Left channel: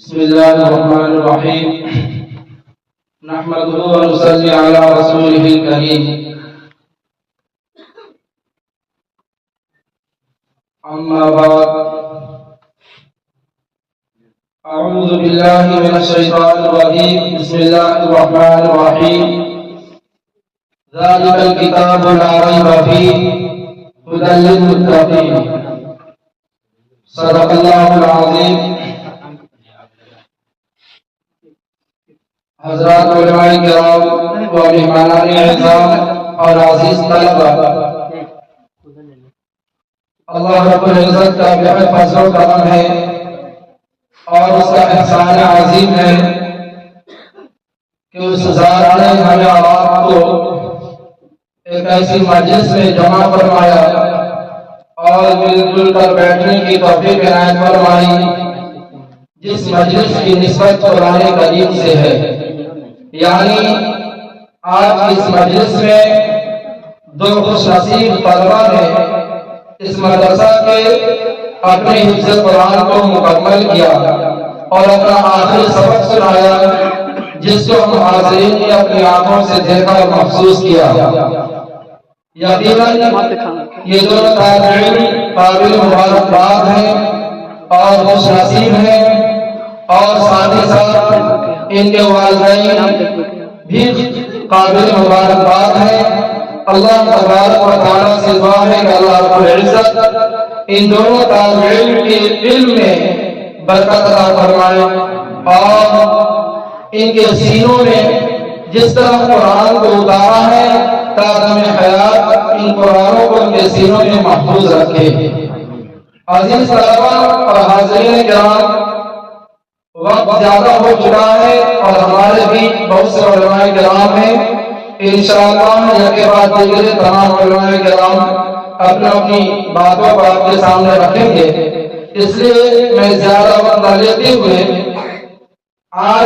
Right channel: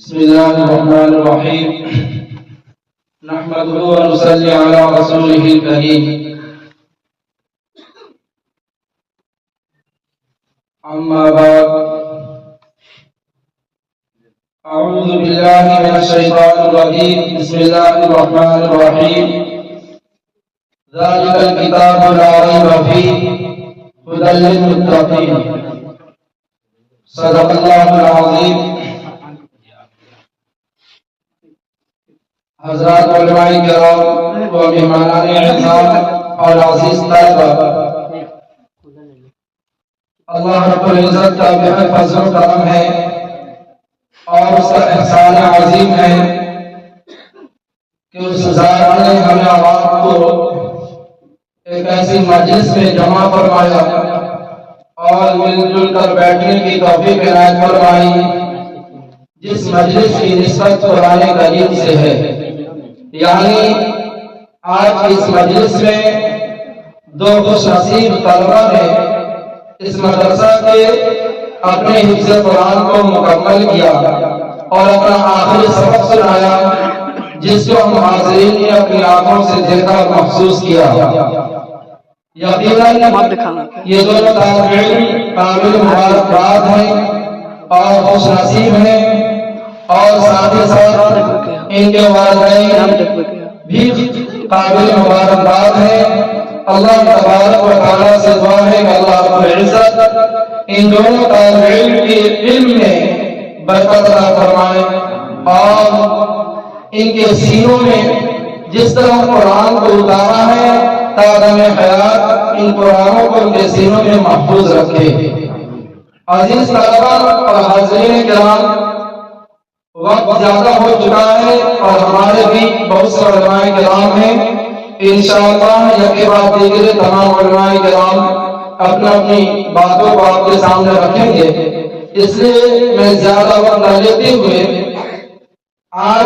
بسم الله الرحمن الرحيم نحمده ونصلي على رسوله الكريم أما بعد أعوذ بالله من الشيطان الرجيم بسم الله الرحمن الرحيم ذلك الكتاب لا ريب فيه هدى للمتقين صدق الله العظيم حضرات علماء کرام و مہمانان اعزام اور عزیز طلبہ، اللہ رب العزت کا بہت فضل و کرم ہے اور اس کا احسان عظیم ہے کہ اس ذات نے ہمیں آپ کو ایک ایسی مجلس میں جمع فرمایا اور مل جل کر بیٹھنے کی توفیق عنایت فرمائی، جس مجلس کی نسبت قرآن کریم سے ہے۔ یعنی آج کی اس مجلس میں دو خوش نصیب طلبہ نے اس مدرسہ کے اپنے حفظ قرآن کو مکمل کیا اور اپنا آخری سبق سنایا، جس کو ہم حاضرین نے اپنی آنکھوں سے دیکھا اور محسوس کیا۔ یقیناً یہ دونوں طالب علم قابل مبارکباد ہیں اور خوش نصیب ہیں، اور ساتھ ہی ساتھ ان کے والدین بھی قابل مبارکباد ہیں۔ اللہ تبارک و تعالیٰ سے دعا ہے کہ اللہ رب العزت ان دونوں طالب علم کے علم میں برکت عطا فرمائے اور ان کے سینوں میں جس طرح قرآن کو اتارا ہے تاکہ حیات ان قرآنوں کو ان کے سینوں میں محفوظ رکھے۔ عزیز طلبہ اور حاضرین کرام، وقت زیادہ ہو چکا ہے اور ہمارے بھی بہت سے علماء کرام ہیں۔ انشاءاللہ یکے بعد دیگر تمام علماء کرام اپنی باتوں کو آپ کے سامنے رکھیں گے، اس لیے میں زیادہ وقت نہ لیتے ہوئے آج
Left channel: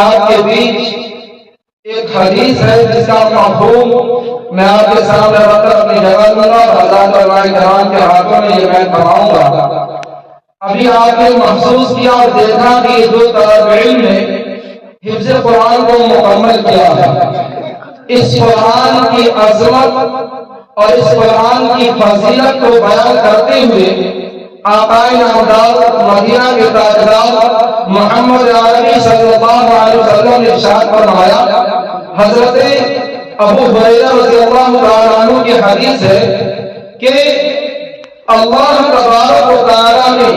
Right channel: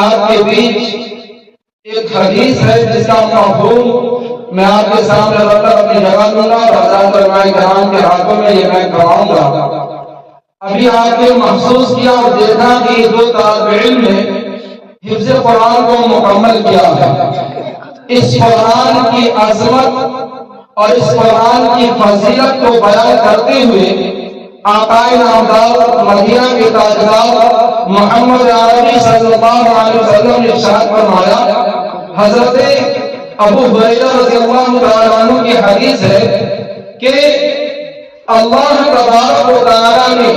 آپ کے بیچ ایک حدیث ہے جس کا مفہوم میں آپ کے سامنے رکھ کر اپنی جگہ دوں گا اور حضرات علماء کرام کے ہاتھوں میں یہ میں کماؤں گا۔ ابھی آپ نے محسوس کیا اور دیکھا کہ یہ دو طالب علم نے حفظ قرآن کو مکمل کیا ہے۔ اس قرآن کی عظمت اور اس قرآن کی فضیلت کو بیان کرتے ہوئے آقا نامدار مدینہ کے تاجدار محمد عربی صلی اللہ علیہ وسلم نے ارشاد فرمایا، حضرت ابو ہریرہ رضی اللہ تعالیٰ عنہ کی حدیث ہے کہ اللہ تبارک و تعالیٰ نے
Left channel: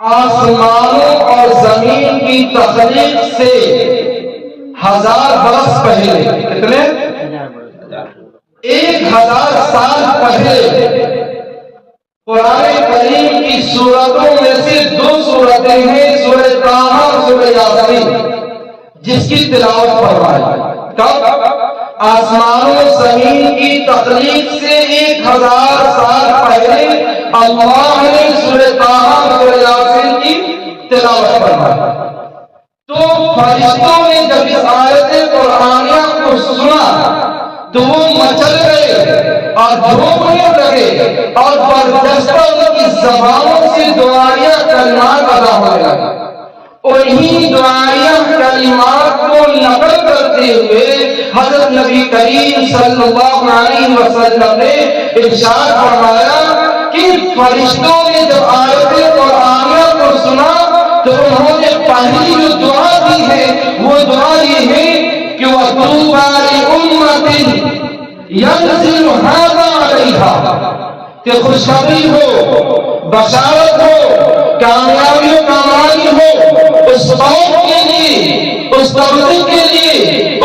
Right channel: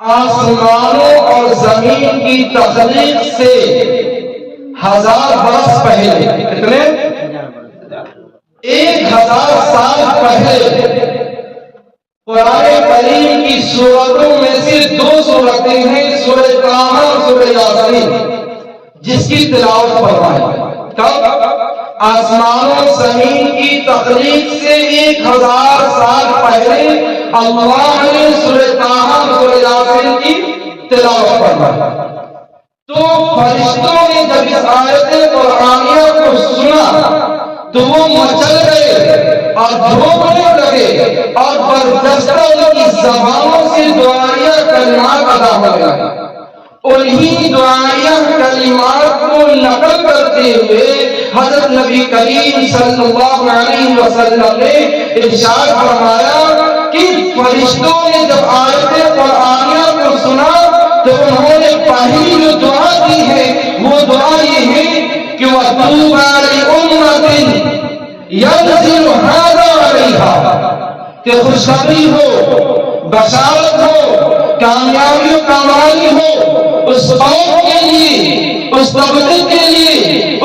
آسمانوں اور زمین کی تخلیق سے 1000 برس پہلے، کتنے؟ 1000 سال پہلے قرآن کریم کی سورتوں میں سے 2 سورتیں ہیں، سورہ طٰہٰ اور سورہ یاسین، جس کی تلاوت فرمائی۔ کب؟ آسمانوں زمین کی تخلیق سے 1000 سال پہلے اللہ نے سورہ طٰہٰ سورہ یاسین کی تلاوت فرمائی۔ تو فرشتوں نے جب اس آیت قرآنیہ کو سنا تو وہ مچل گئے اور جھومنے لگے اور برجستہ ان کی زبانوں سے دعائیہ کلمات ادا ہونے لگے۔ انہی دعائیہ کلمات کو نقل کرتے ہوئے حضرت نبی کریم صلی اللہ علیہ وسلم نے ارشاد فرمایا کہ فرشتوں نے جب آیت قرآنیہ کو سنا تو انہوں نے پہلی جو دعا دی ہے وہ دعا یہ ہے کہ وَطُوبَى لِأُمَّةٍ يَنزِلُ هَذَا عَلَيْهَا، کہ خوشخبری ہو، بشارت ہو، کامیابی و کامرانی ہو اس قوم کے لیے، اس طبقے کے لیے،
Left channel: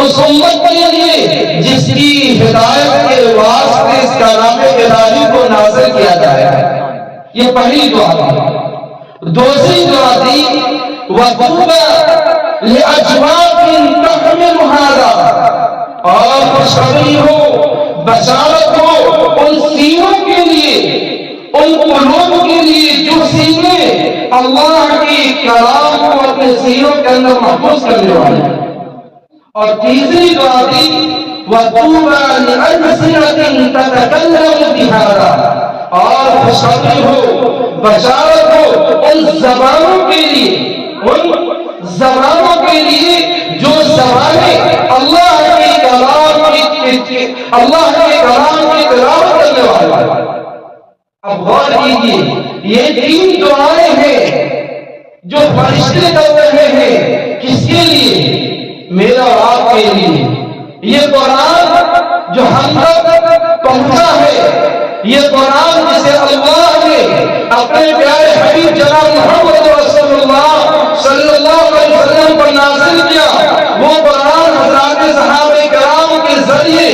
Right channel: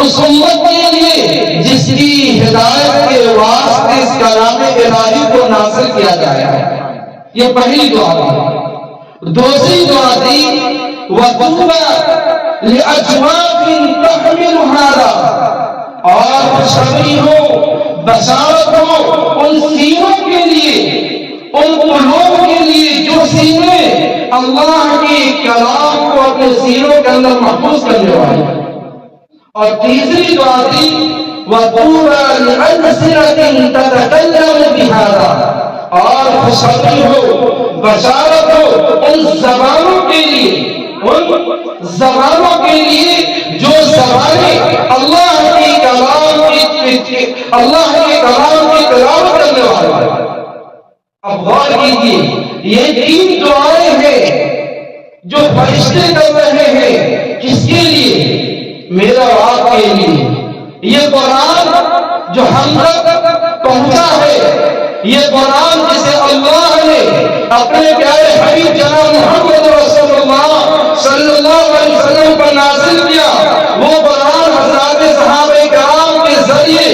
اس امت کے لیے جس کی ہدایت کے واسطے اس کلام الہی کو نازل کیا جائے گا۔ یہ پہلی دعا ہے۔ دوسری دعا تھی وَطُوبَى لِأَجْوَافٍ تَحْمِلُ هَذَا، اور خوشخبری ہو، بشارت ہو ان سینوں کے لیے، ان قلوب کے لیے جو سینے اللہ کی کلام کو اپنے سینوں کے اندر محفوظ کرنے والے۔ اور تیسری دعا تھی وَطُوبَى لِأَلْسِنَةٍ تَتَكَلَّمُ بِهَذَا، اور خوشخبری ہو، بشارت ہو ان زبانوں کے لیے جو زبانیں اللہ کے کلام کی تلاوت کرنے والے ہیں۔ اب غور کیجیے، یہ 3 دعائیں ہیں جو فرشتے کر رہے ہیں، کس کے لیے؟ میرا اور آپ کے لیے۔ یہ قرآن جو ہم تک پہنچا ہے، یہ قرآن جسے اللہ نے اپنے پیارے حبیب جناب محمد رسول اللہ صلی اللہ علیہ وسلم پر نازل کیا، وہ قرآن حضرات صحابہ کرام کے ذریعے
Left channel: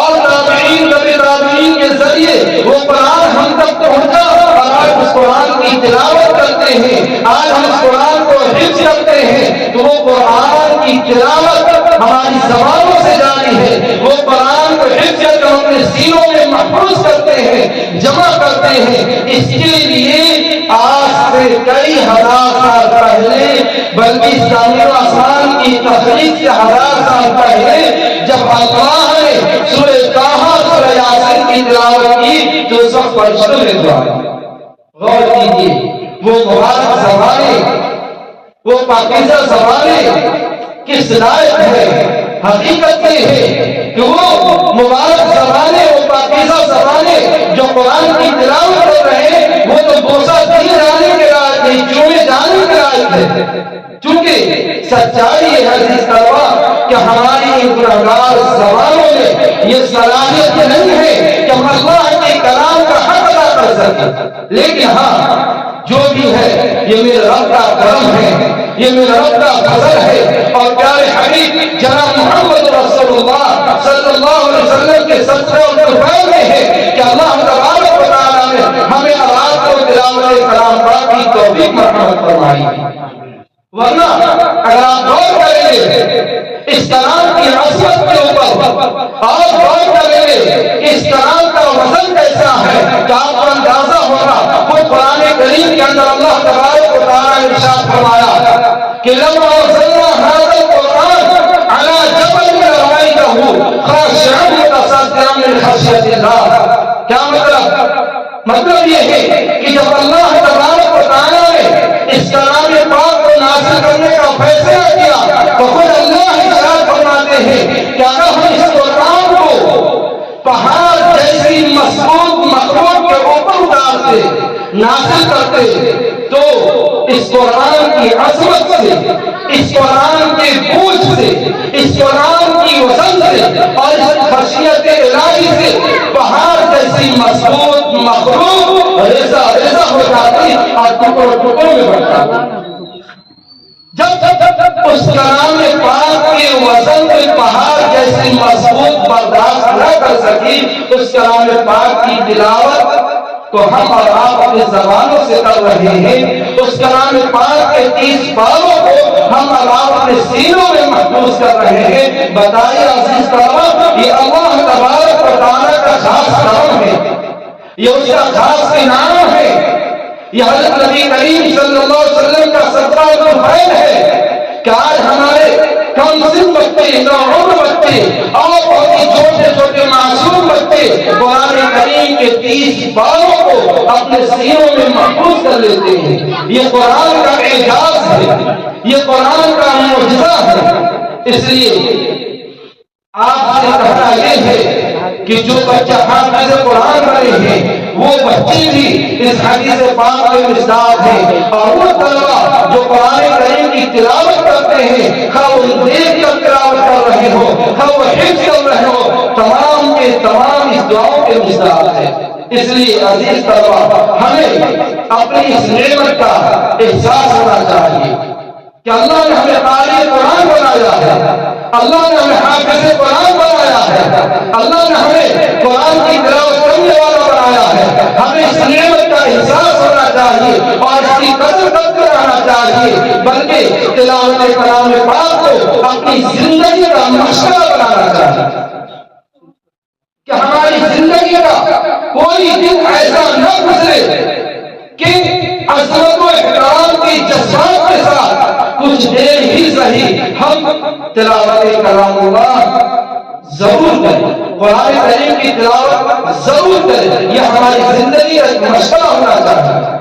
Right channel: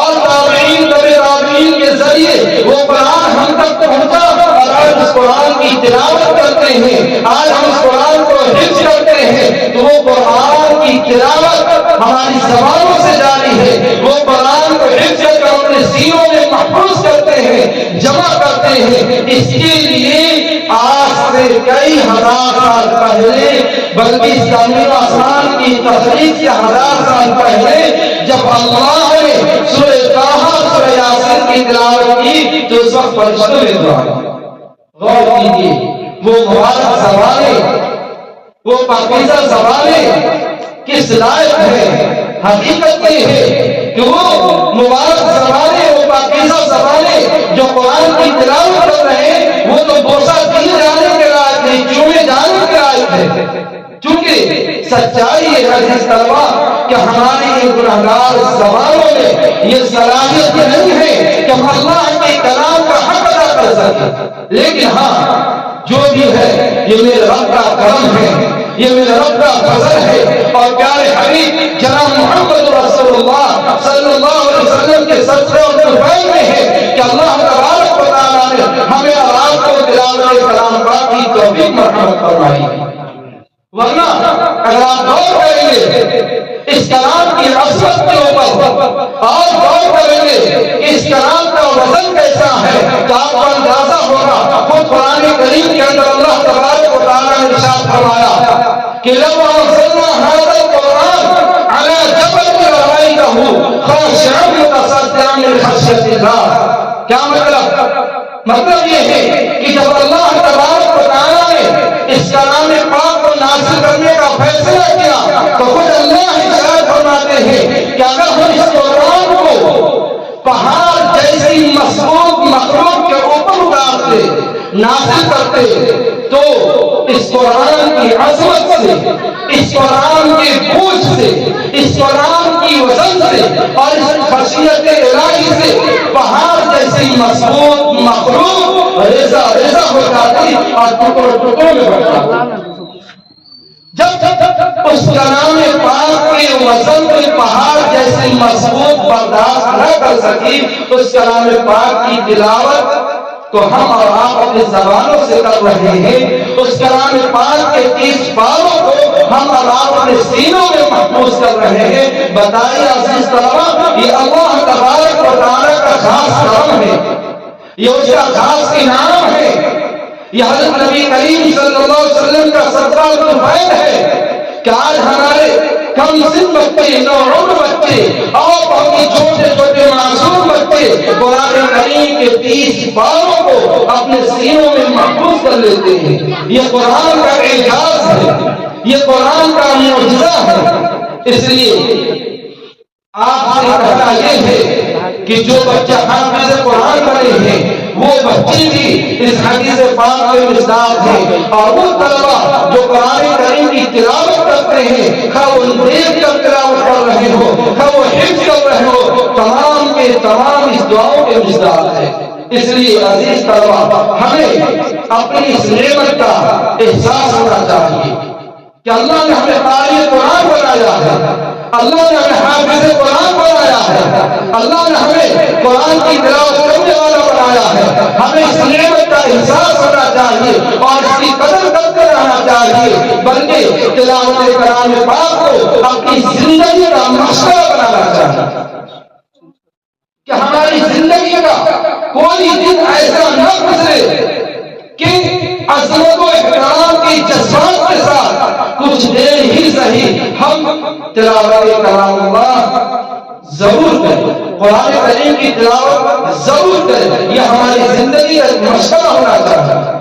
اور تابعین کے ذریعے وہ قرآن ہم تک پہنچا۔ اور آج اس قرآن کی تلاوت کرتے ہیں، آج ہم اس قرآن کو حفظ کرتے ہیں، تو وہ قرآن کی تلاوت ہماری زبانوں سے جاری ہے، وہ قرآن کو حفظ کر کے اپنے سینوں میں محفوظ کرتے ہیں، جمع کرتے ہیں۔ اس کے لیے آج سے کئی ہزار سال پہلے، بلکہ زمین و آسمان کی تخلیق سے 1000 سال پہلے جب اللہ نے سورہ طٰہٰ سورہ یاسین کی تلاوت کی تو اس وقت فرشتوں نے دعا کی۔ غور کیجیے، وہ مبارک زبانیں، وہ پاکیزہ زبانیں کس لائق ہے؟ حقیقت یہ ہے کہ وہ مبارک زبانیں، وہ پاکیزہ زبانیں جو قرآن کی تلاوت کر رہے ہیں، وہ تو بوسہ دیے جانے کے لائق نہیں، چومے جانے کے لائق ہے۔ چونکہ سچائی ہے عزیز طلبا کہ ہماری ان گنہگار زبانوں میں یہ صلاحیت نہیں ہے کہ ہم اللہ کے کلام کا حق ادا کر سکیں، لیکن ہاں جو بھی ہے یہ میرے رب کا کرم ہے، یہ میرے رب کا فضل ہے، اور پیارے حبیب جناب محمد رسول اللہ صلی اللہ علیہ وسلم کے صدقے اور طفیل میں ہے کہ اللہ تبارک و تعالیٰ نے ہمیں آپ کو تلاوت کلام پاک کی توفیق مرحمت فرمائی۔ ورنہ اگر آپ غور کریں گے اس کلام کی عظمت کے اوپر اور غور کریں گے کہ اس کلام کا وزن کیسا ہے تو آپ کو اندازہ ہوگا۔ خود قرآن کریم کے اندر اللہ تبارک و تعالیٰ نے ارشاد فرمایا کہ لَمَا أَنزَلْنَا هَذَا الْقُرْآنَ عَلَى جَبَلٍ لَرَأَيْتَهُ خَاشِعًا مُتَصَدِّعًا مِنْ خَشْيَةِ اللَّهِ۔ کیا مطلب یہ ہے کہ جب اللہ تبارک و تعالیٰ نے اس کلام پاک کو نازل کرنے کا فیصلہ کیا تو خود اللہ ارشاد فرماتے ہیں کہ اگر ہم اس قرآن کو پہاڑ جیسی مضبوط مخلوق کے اوپر اتارتے، نازل کرتے، تو اس قرآن کی عظمت سے، اس قرآن کے بوجھ سے، اس قرآن کی وزن سے اور اس خشیت الہی سے پہاڑ جیسی مضبوط مخلوق ریزہ ریزہ ہو جاتی اور ٹکڑوں ٹکڑوں میں بڑھ جاتی۔ جب اس کلام پاک کے وزن کے پہاڑ جیسی مضبوط برداشت نہ کر سکی، اس کلام پاک کی تلاوت کو ہم اور آپ اپنی زبانوں سے کر رہے ہیں، اس کلام پاک کے 30 پاروں کو ہم اور آپ اپنے سینوں میں محفوظ کر رہے ہیں۔ بتائیے عزیز طلبا، یہ اللہ تبارک و تعالیٰ کا خاص کرم ہے، یہ اس کا خاص انعام ہے، یہ حضرت نبی کریم صلی اللہ علیہ وسلم کا صدقہ و فضل ہے کہ آج ہمارے کم سن بچے، نوعمر بچے اور بہت ہی چھوٹے چھوٹے معصوم بچے قرآن کریم کے 30 پاروں کو اپنے سینوں میں محفوظ کر لیتے ہیں۔ یہ قرآن کا اعجاز ہے، یہ قرآن کا معجزہ ہے۔ اس لیے آپ سے کہنا یہ ہے کہ جو بچہ حافظ قرآن بنے ہیں وہ بچے بھی اس حدیث پاک کے مصداق ہیں، اور وہ طلبہ جو قرآن کریم کی تلاوت کرتے ہیں، خواہ وہ دیکھ کر تلاوت کر رہے ہو، خواہ وہ حفظ کر رہے ہو، تمام کے تمام اس دعاؤں کے مصداق ہیں۔ اس لیے عزیز طلبہ، ہمیں اپنی اس نعمت کا احساس ہونا چاہیے کہ اللہ نے ہمیں قاری قرآن بنایا ہے، اللہ نے ہمیں حافظ قرآن بنایا ہے، اللہ نے ہمیں قرآن کی تلاوت کرنے والا بنایا ہے۔ ہمیں اس نعمت کا احساس ہونا چاہیے اور اس کی قدر کرتے رہنا چاہیے، بلکہ تلاوت کلام پاک کو اپنی زندگی کا مشغلہ بنانا چاہیے کہ ہماری زندگی کا کوئی دن ایسا نہ گزرے کہ عظمت و احترام کے جذبات کے ساتھ کچھ دیر ہی صحیح ہم تلاوت کلام اللہ ضرور کریں، قرآن کریم کی تلاوت ضرور کریں۔ یہ ہماری زندگی کا مشغلہ ہونا چاہیے۔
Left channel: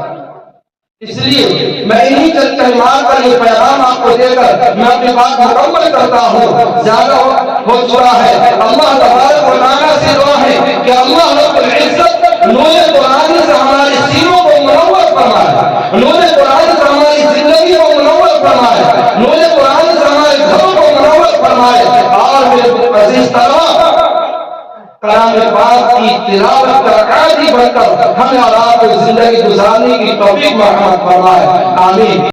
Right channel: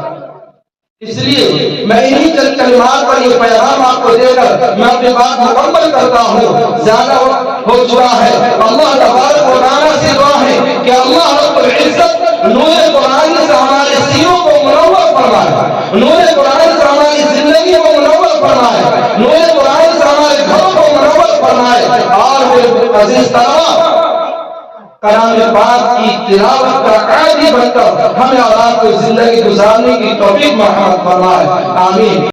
اس لیے میں انہی چند کلمات پر یہ پیغام آپ کو دے کر میں اپنی بات مکمل کرتا ہوں، زیادہ ہو چکا ہے۔ اللہ تبارک و تعالیٰ سے دعا ہے کہ اللہ رب العزت نور قرآن سے ہمارے سینوں کو منور فرمائے، نور قرآن سے ہماری زندگی کو منور فرمائے، نور قرآن سے ہمارے گھروں کو منور فرمائے، اور میرے عزیز طلبا کلام پاک کی تلاوت کا عادی بن کر ہمیں اور آپ کو زندگی گزارنے کی توفیق مرحمت فرمائے، آمین۔